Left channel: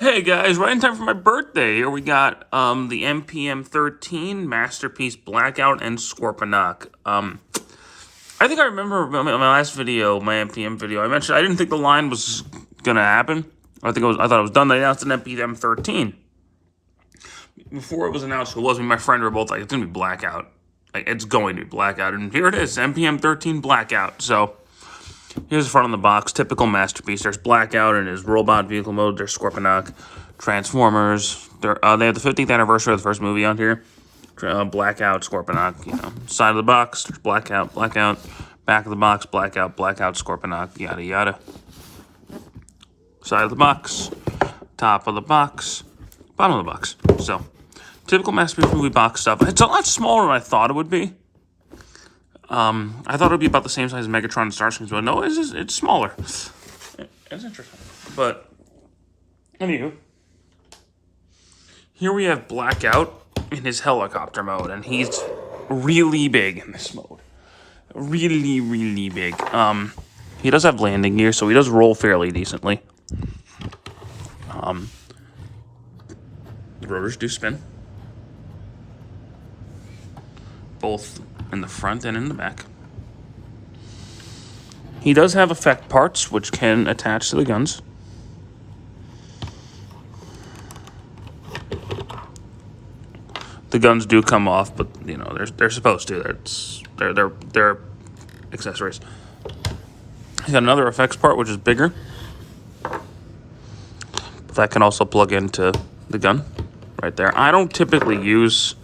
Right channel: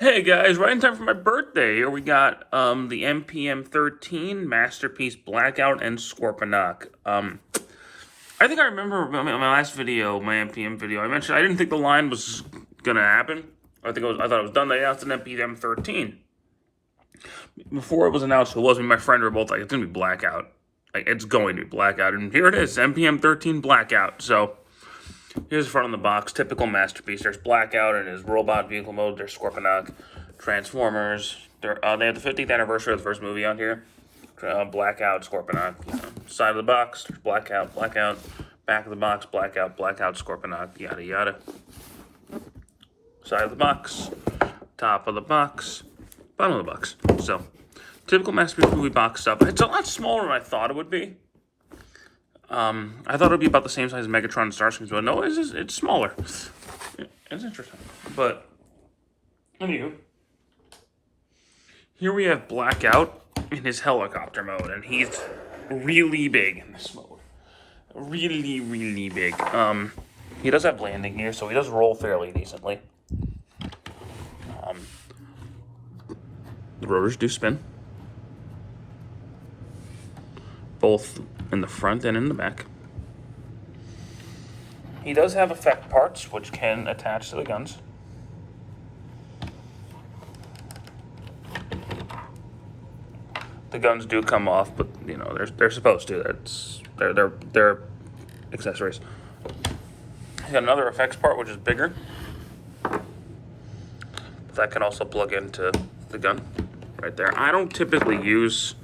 Hey guys, right in time for my birthday. Here we got the MPM-13 Masterpiece Blackout and Scorponok. I think I remember my last video, my MPM video. I mentioned I didn't think the line was gonna happen. I thought it was done. They announced an MPM-13 before it was announced. It wasn't. My friend were both like, "It's gonna be Blackout. Like, it's going to be Blackout," and here it is, MPM-13 Blackout. So. Here's the front of the box, typical Masterpiece. There's Blackout in his robot vehicle mode. There's Scorponok, Transformers. They have the 50th anniversary of the first movie on here. Blackout, Scorponok. Side of the box, there's Blackout, Blackout. Back of the box, Blackout, Blackout, Scorponok, yada yada. Side of the box, top of the box, bottom of the box. So, typical Masterpiece movie box stuff. It's a lot smaller than I thought it would be. I thought it would be about the same size as Megatron and Starscream, but no, it's smaller. It's interesting. But, anywho, here we have Blackout in his helicopter mode, and he's really big in this mode. Really, really big. He does have landing gear, so he does roll fairly decently. The rotors do spin. Both in the front and in the back. He does have effect parts which can attach to the guns. The guns do come off, but you know they're supposed to. They're accessories. He's got another effects part which is bigger. That can also plug into the gun right there. I don't typically use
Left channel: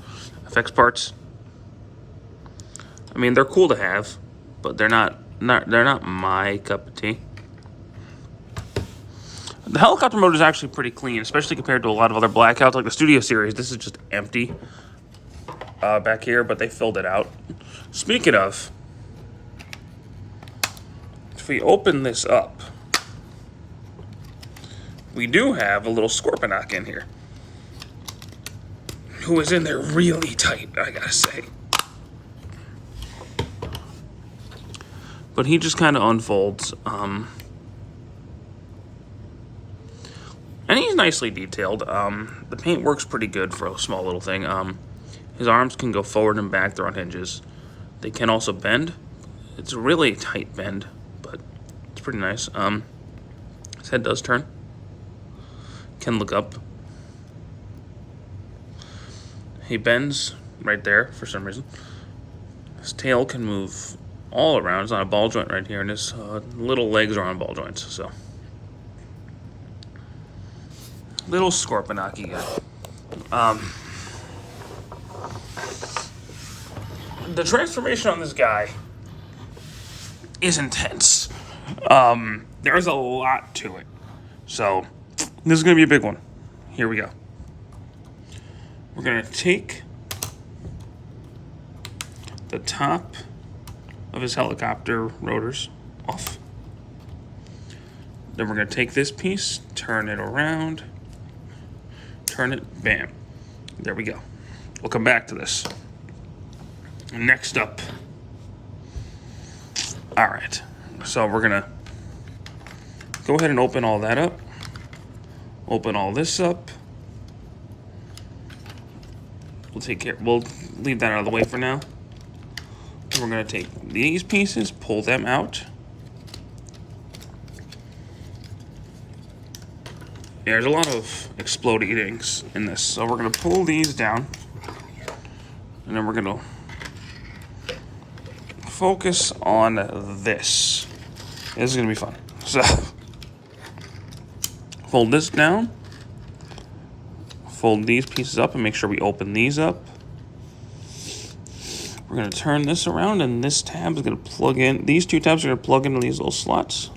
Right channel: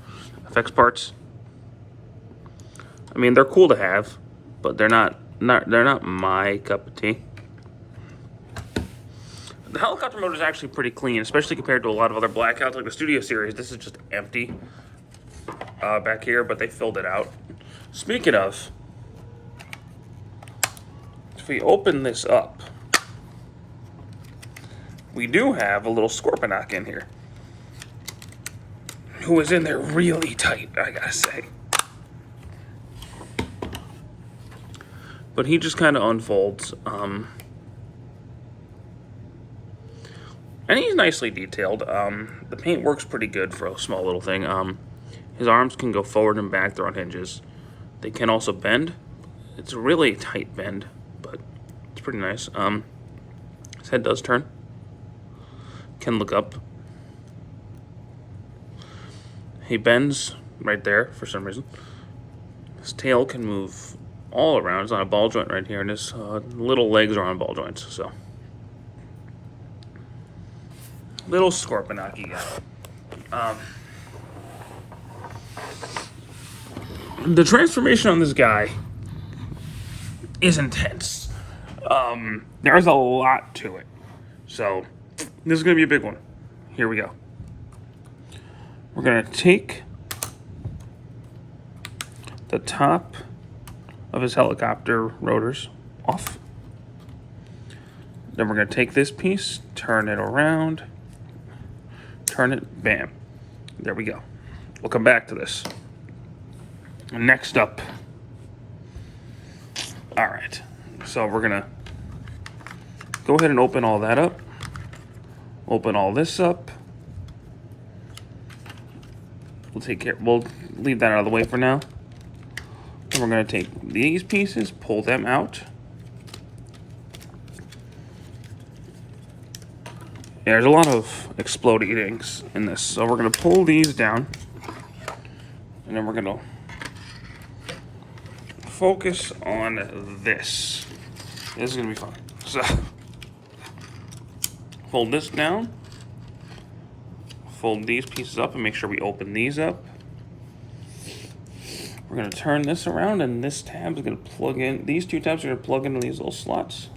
effects parts. I mean, they're cool to have, but they're not my cup of tea. The helicopter mode is actually pretty clean, especially compared to a lot of other Blackouts, like the Studio Series. This is just empty back here, but they filled it out. Speaking of, if we open this up, we do have a little Scorponok in here, who is in there really tight, I gotta say. But he just kind of unfolds. And he's nicely detailed. The paint works pretty good for a small little thing. His arms can go forward and back. They're on hinges. They can also bend. It's a really tight bend, but it's pretty nice. His head does turn. Can look up. He bends right there for some reason. His tail can move all around. It's on a ball joint right here, and his little legs are on ball joints. So, little Scorponok guy. The transformation on this guy is intense. There's a lot to it. So, this is gonna be a big one. Here we go. We're gonna take the top of his helicopter rotors off. Then we're going to take this piece, turn it around, turn it, bam. There we go. We'll come back to this. Next up. All right. So we're going to go ahead and open all that up. Open all this up. We'll leave that out of the way for now. And we're going to take these pieces, pull them out. There's a lot of exploding things in this. So we're going to pull these down. And then we're going to focus on this. This is going to be fun. So, fold this down. Fold these pieces up and make sure we open these up. We're going to turn this around, and this tab is going to plug in. These two tabs are going to plug into these little slots.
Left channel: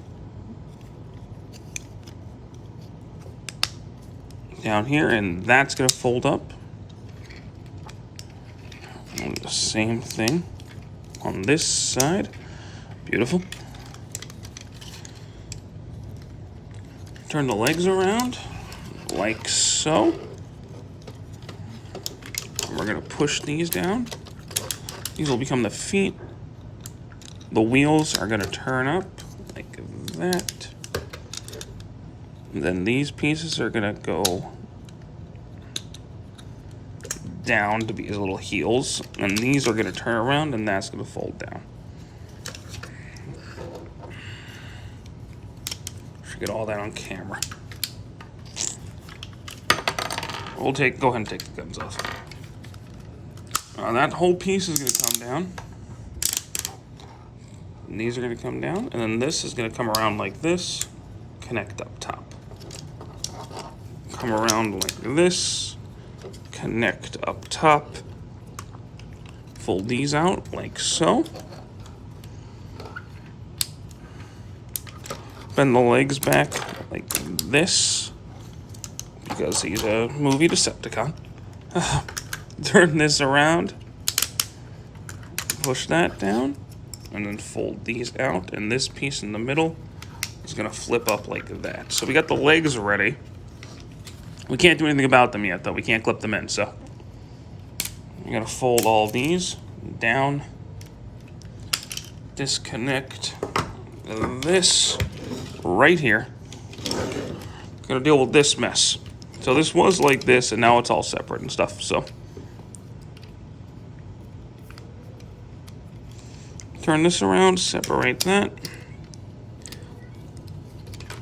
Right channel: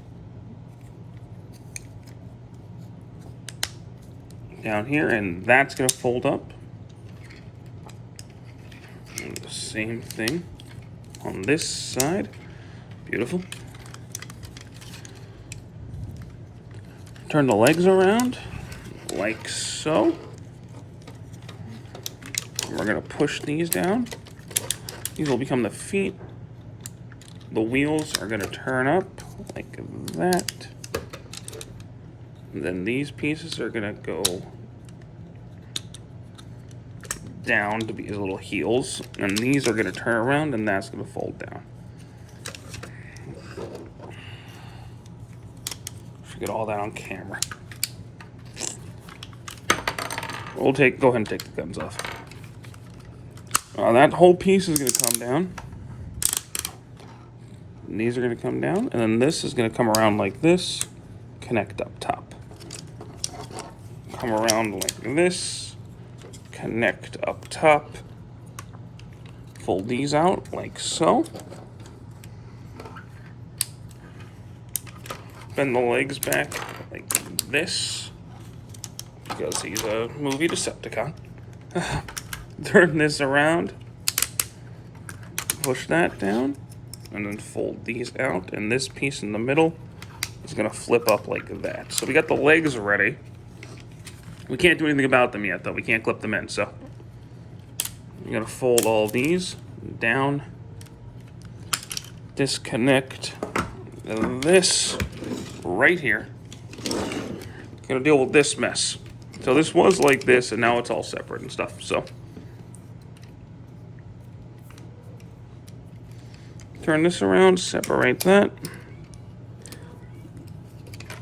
Down here, and that's going to fold up. And the same thing on this side. Beautiful. Turn the legs around, like so. And we're going to push these down. These will become the feet. The wheels are going to turn up like that. And then these pieces are gonna go down to be his little heels, and these are gonna turn around, and that's gonna fold down. Should get all that on camera. We'll go ahead and take the guns off. That whole piece is gonna come down. And these are gonna come down, and then this is gonna come around like this, connect up top. Come around like this, connect up top. Fold these out like so. Bend the legs back like this, because he's a movie Decepticon. Turn this around, push that down, and then fold these out, and this piece in the middle is gonna flip up like that. So we got the legs ready. We can't do anything about them yet, though. We can't clip them in, so you're gonna fold all these down, disconnect this right here. Gonna deal with this mess. So this was like this, and now it's all separate and stuff, so. Turn this around, separate that.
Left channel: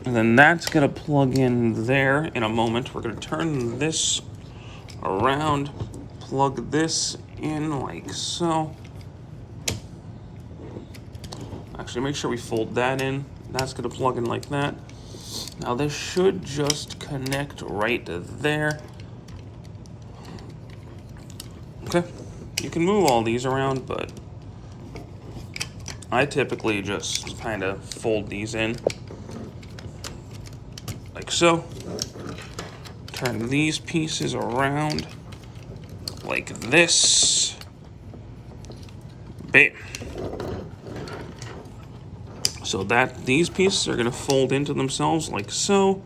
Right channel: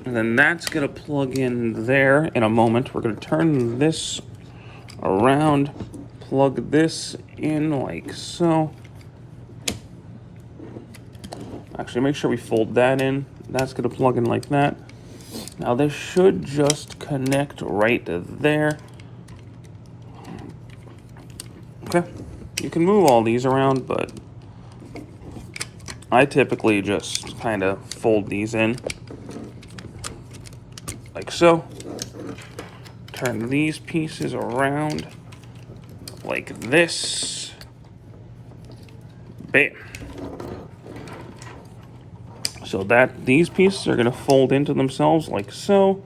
And then that's gonna plug in there in a moment. We're gonna turn this around, plug this in like so. Actually, make sure we fold that in. That's gonna plug in like that. Now this should just connect right there. Okay, you can move all these around, but I typically just kind of fold these in like so. Turn these pieces around like this. Bam. So that these pieces are gonna fold into themselves like so.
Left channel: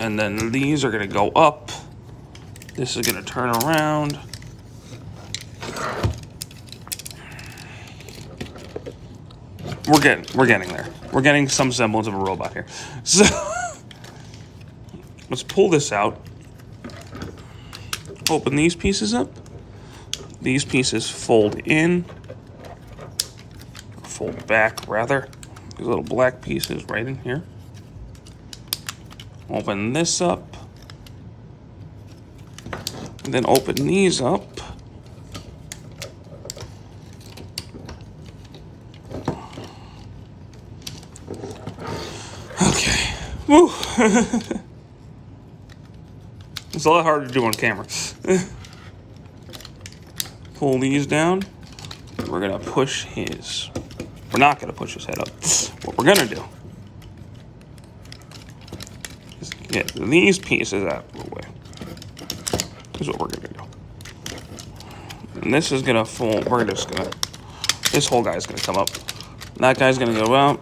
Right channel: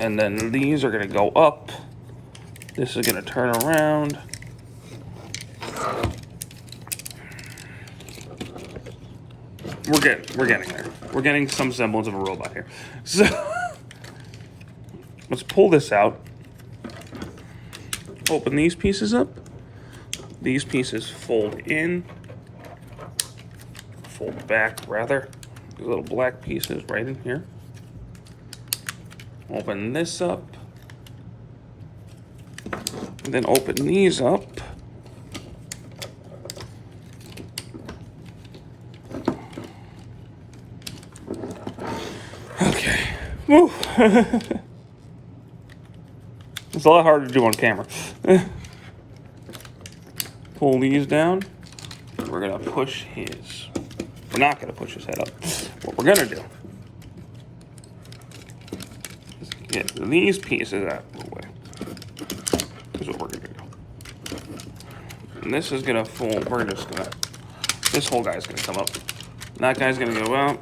And then these are gonna go up. This is gonna turn around. We're getting there. We're getting some semblance of a robot here. So let's pull this out. Open these pieces up. These pieces fold in. Fold back, rather. These little black pieces right in here. Open this up. And then open these up. Okay. Woo. It's a lot harder to do on camera. Pull these down. We're gonna push his. We're not gonna push his head up. What we're gonna do is get these pieces out of the way. Here's what we're gonna do. And this is gonna fold. We're just gonna. This whole guy's gonna come up. That guy's gonna go out.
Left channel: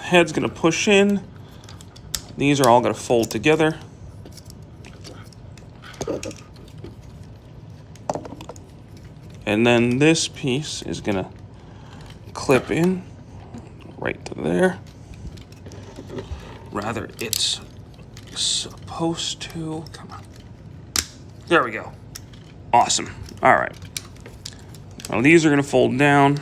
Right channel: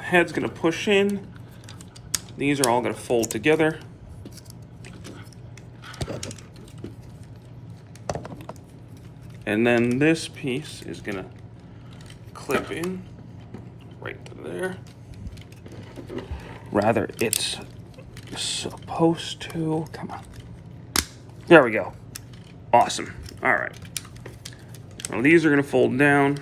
Head's gonna push in. These are all gonna fold together. And then this piece is gonna clip in right to there. Rather, it's supposed to. Come on. There we go. Awesome. All right. Now these are gonna fold down.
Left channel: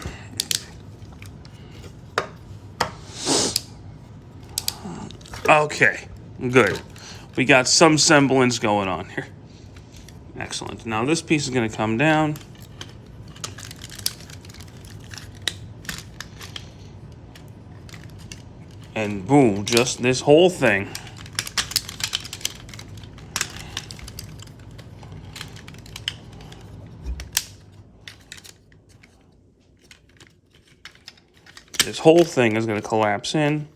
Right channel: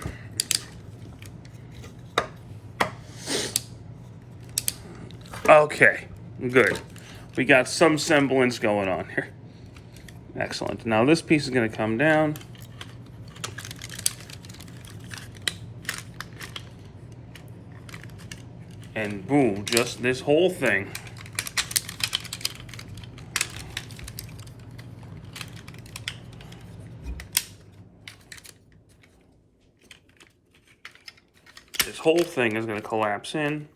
Okay, good. We got some semblance going on here. Excellent. Now this piece is gonna come down. And boom, just this whole thing. This whole thing is going to collapse in,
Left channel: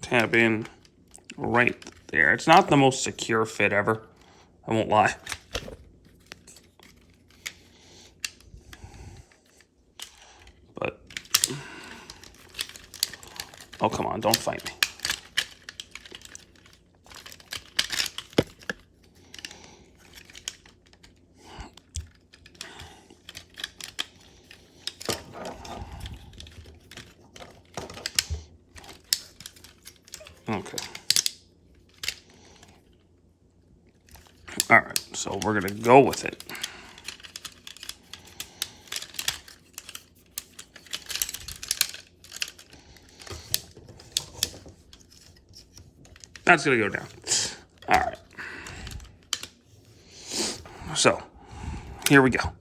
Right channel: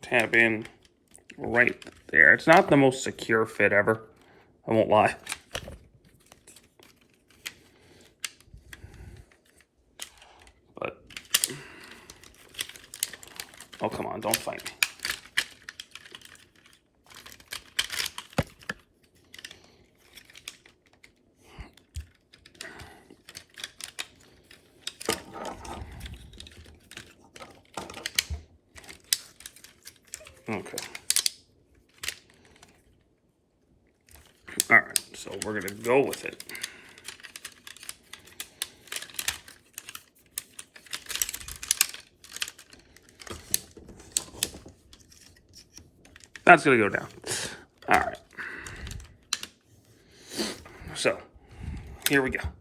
tap in right there. It's not the most secure fit ever, I won't lie. But, oh, come on, don't fight me. Okay. All right, so we're gonna go with it. That's gonna go down. All right. So, here we go.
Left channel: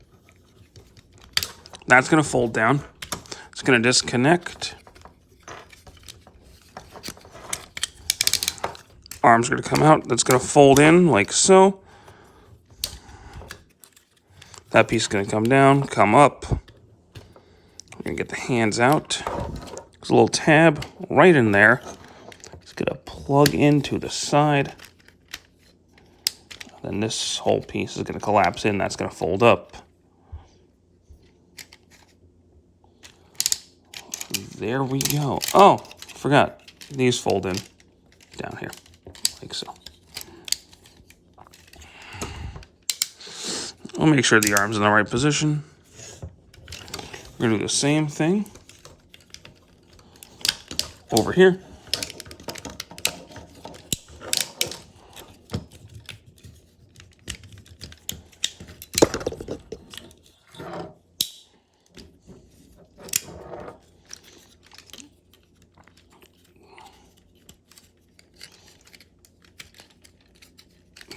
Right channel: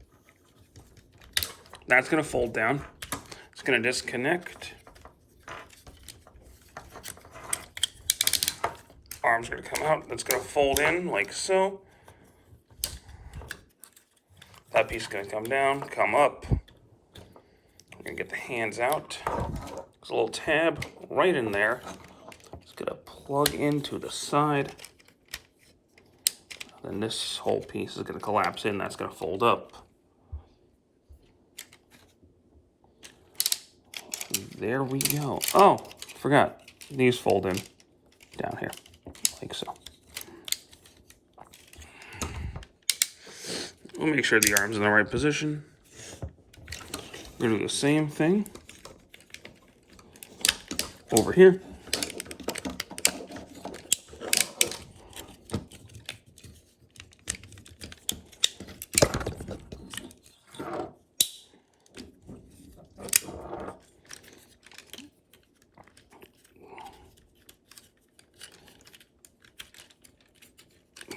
That's gonna fold down. It's gonna disconnect. Arm's gonna come out. That's gonna fold in like so. That piece is gonna come down, come up. We're gonna get the hands out. There's a little tab right in there. It's gonna plug into the side. Then this whole piece is gonna collapse in. That's gonna fold up. There we go. Oh, forgot. These fold in down here, like so. I'll make sure the arm's in the right position. We're gonna do the same thing over here.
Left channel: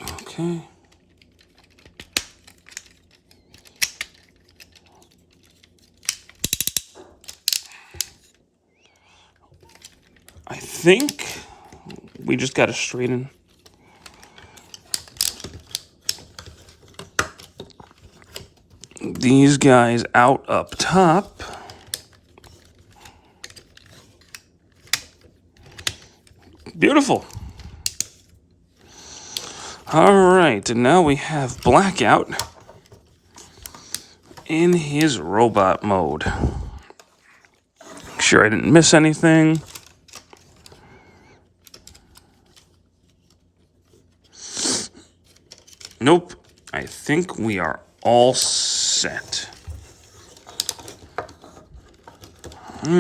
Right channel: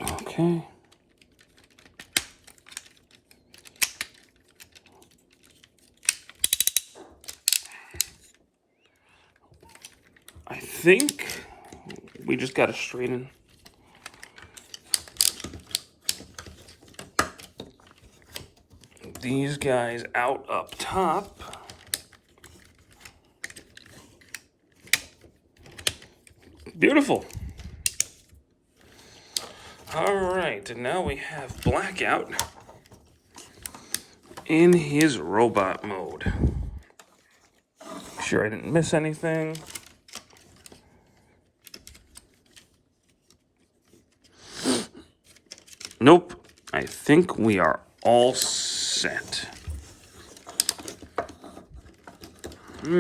Okay. I think we just got to straighten these guys out up top. Beautiful. All right, and now we have Blackout in his robot mode. Make sure I didn't miss anything. Nope. I think we are all set.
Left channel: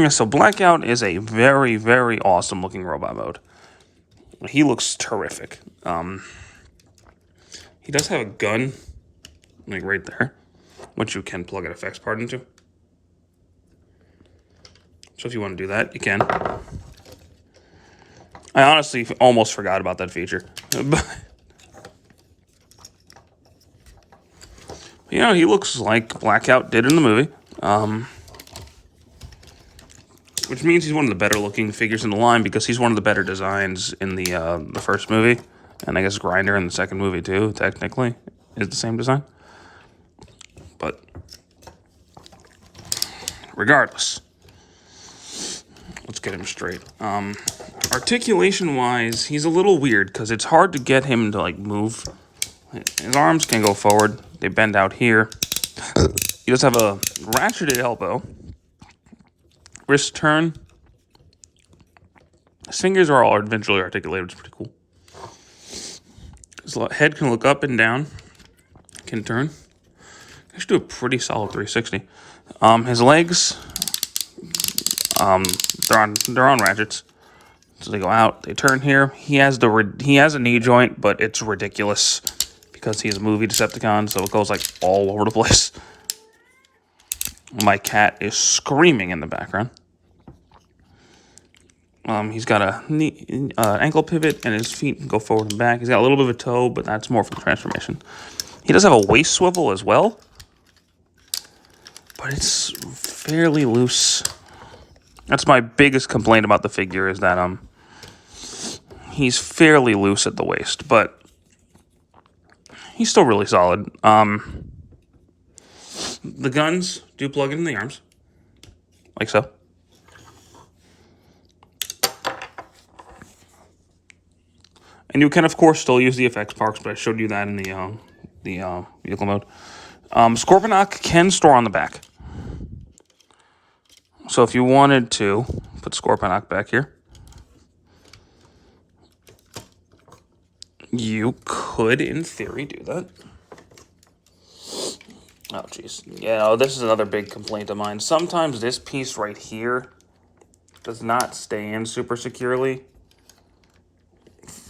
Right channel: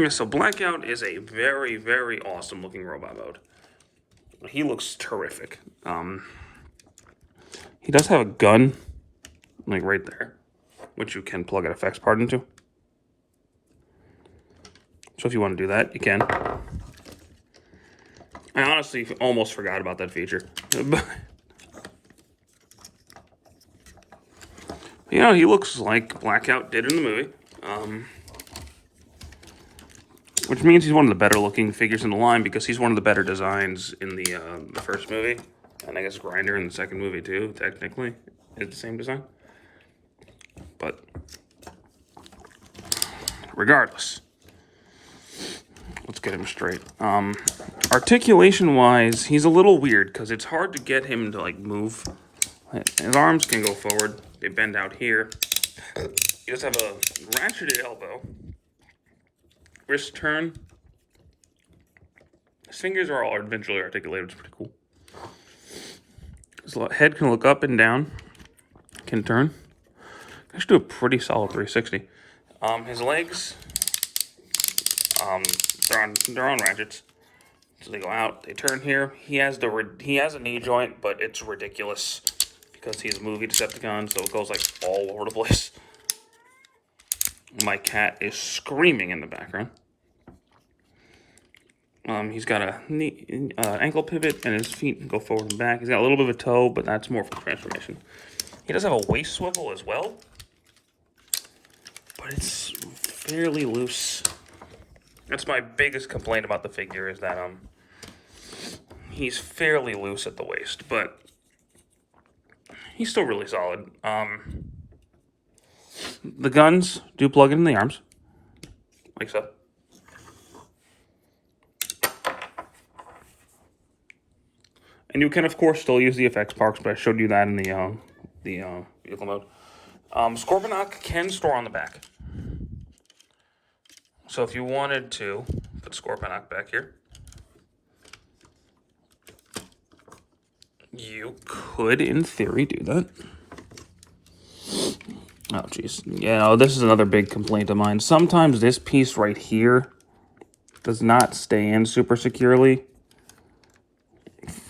So Blackout is a very, very awesome looking robot mode. He looks terrific. He does have a gun, like right there, which you can plug an effects part into. So if you want to do that, you can. I honestly almost forgot about that feature. But, you know, he looks like Blackout did in the movie. Which means he's one of the better looking figures in the line because he's one of the better designs in the first movie. And I guess Grinder in the second movie too, technically, is the same design. But regardless, let's get him straight. Articulation-wise, he's a little weird because it's hard to get him to like move. His arms can go forward. They bend out here. He does have a ratcheted elbow. Wrist turn. His fingers are all eventually articulated, which is pretty cool. His head can look up and down. Can turn. I should do a pretty solid 360. His legs, they're on ratchets, so they go out. They turn here. He has a knee joint, but it's ridiculous because he's a movie Decepticon, so it goes like all over the place. My cat is screaming in the background. He's got a knee, ankle pivot, and his feet can go forward and back. He's got a little bit of a toe, but that's more for the transformation. He does have a waist swivel as well, but it's fairly loose. That's my biggest complaint about the figure is that he's fairly loose at the waist, but he's still really solid. The guns do plug in the arms, like so. And you can, of course, still use the effects parts, but I showed you that in the vehicle mode. Scorponok can store on the back. So if you wanted to put Scorponok back here, you could, in theory, do that. Oh, jeez. Yeah, this is another big complaint of mine. Sometimes this piece right here does not stay in super securely.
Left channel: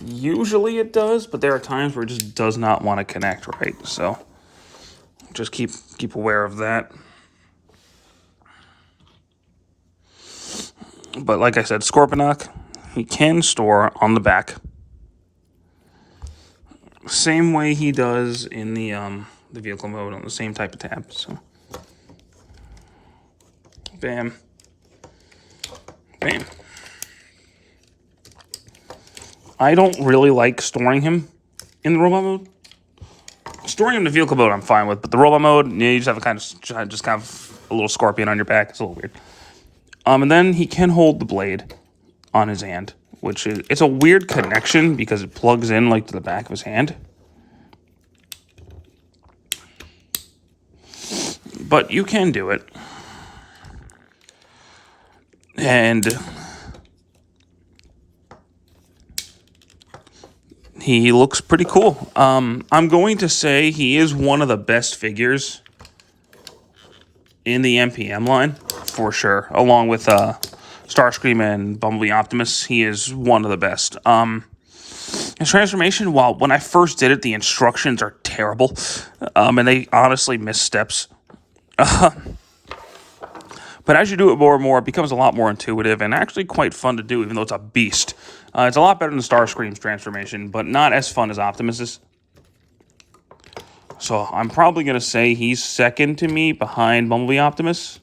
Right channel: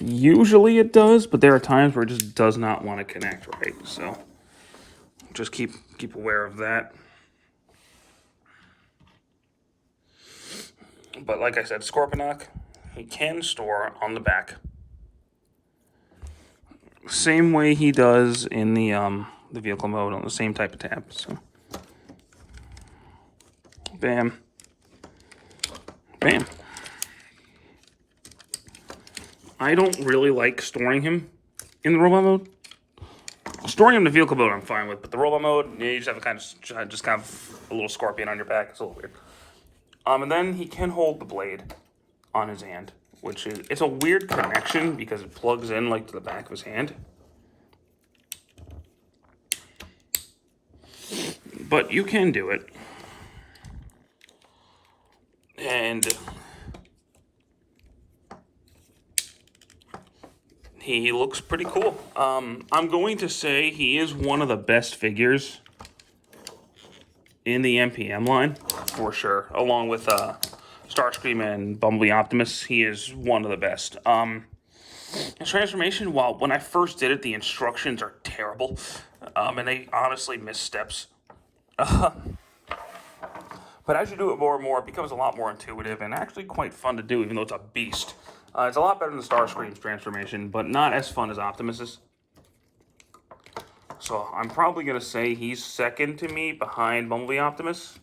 Usually it does, but there are times where it just does not want to connect right. So just keep aware of that. But like I said, Scorponok, he can store on the back. Same way he does in the vehicle mode on the same type of tab. So bam. Bam. I don't really like storing him in the robot mode. Storing him in the vehicle mode I'm fine with, but the robot mode, yeah, you just have a kind of a little scorpion on your back. It's a little weird. And then he can hold the blade on his hand, which is, it's a weird connection because it plugs in like to the back of his hand. But you can do it. And he looks pretty cool. I'm going to say he is one of the best figures in the MPM line, for sure. Along with Starscream and Bumblebee Optimus, he is one of the best. His transformation, when I first did it, the instructions are terrible. And they honestly miss steps. But as you do it more and more, it becomes a lot more intuitive and actually quite fun to do, even though it's a beast. It's a lot better than Starscream's transformation, but not as fun as Optimus's. So I'm probably going to say he's second to me behind Bumblebee Optimus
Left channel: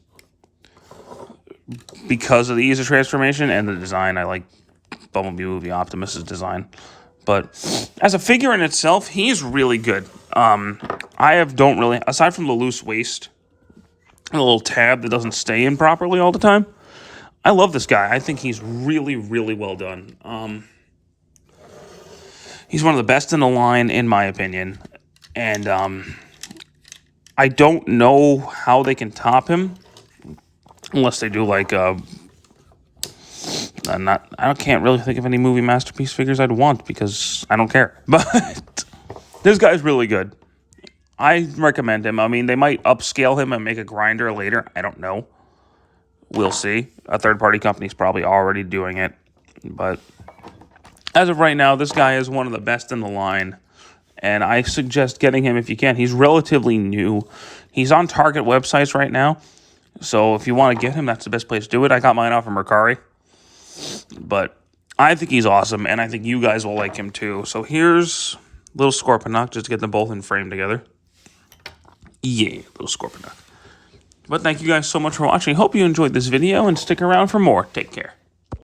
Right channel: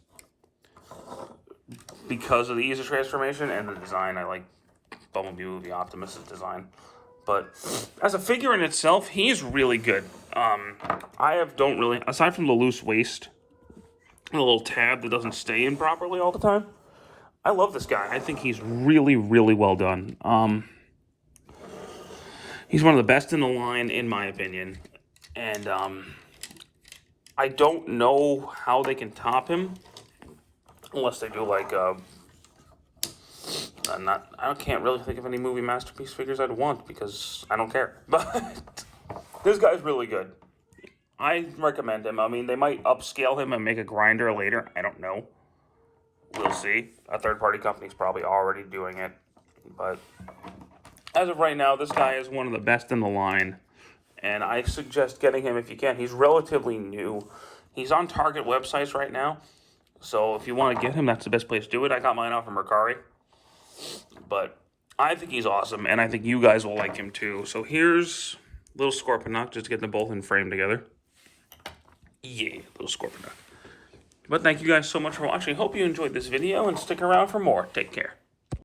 because of the ease of transformation and the design. I like Bumblebee Optimus's design. But as a figure in itself, he's really good. Don't really, aside from the loose waist, a little tab that doesn't stay in properly all the time, I love this guy. I think he's really, really well done. He's one of the best in the line, in my opinion. And I don't know how they can top him unless they do like I can't really think of any movie masterpiece figures I'd want because I don't care. But this guy's really good. I recommend him. I mean, they might upscale him and make a grinder later. I don't know. We'll see. A third-party company's probably already doing it. But as of right now, this guy is one of the best in the line. And I suggest getting him if you can. He's relatively new. He's on Target websites right now. So if you want to get him, that's the best place to do it. I got mine off from Mercari. But I think he's awesome, and I think you guys will like him too. So here's little Scorponok, just to get them both in frame together. Yeah, little Scorponok. But thank you guys so much for watching. Hope you enjoyed this video, and stick around for more. Take care.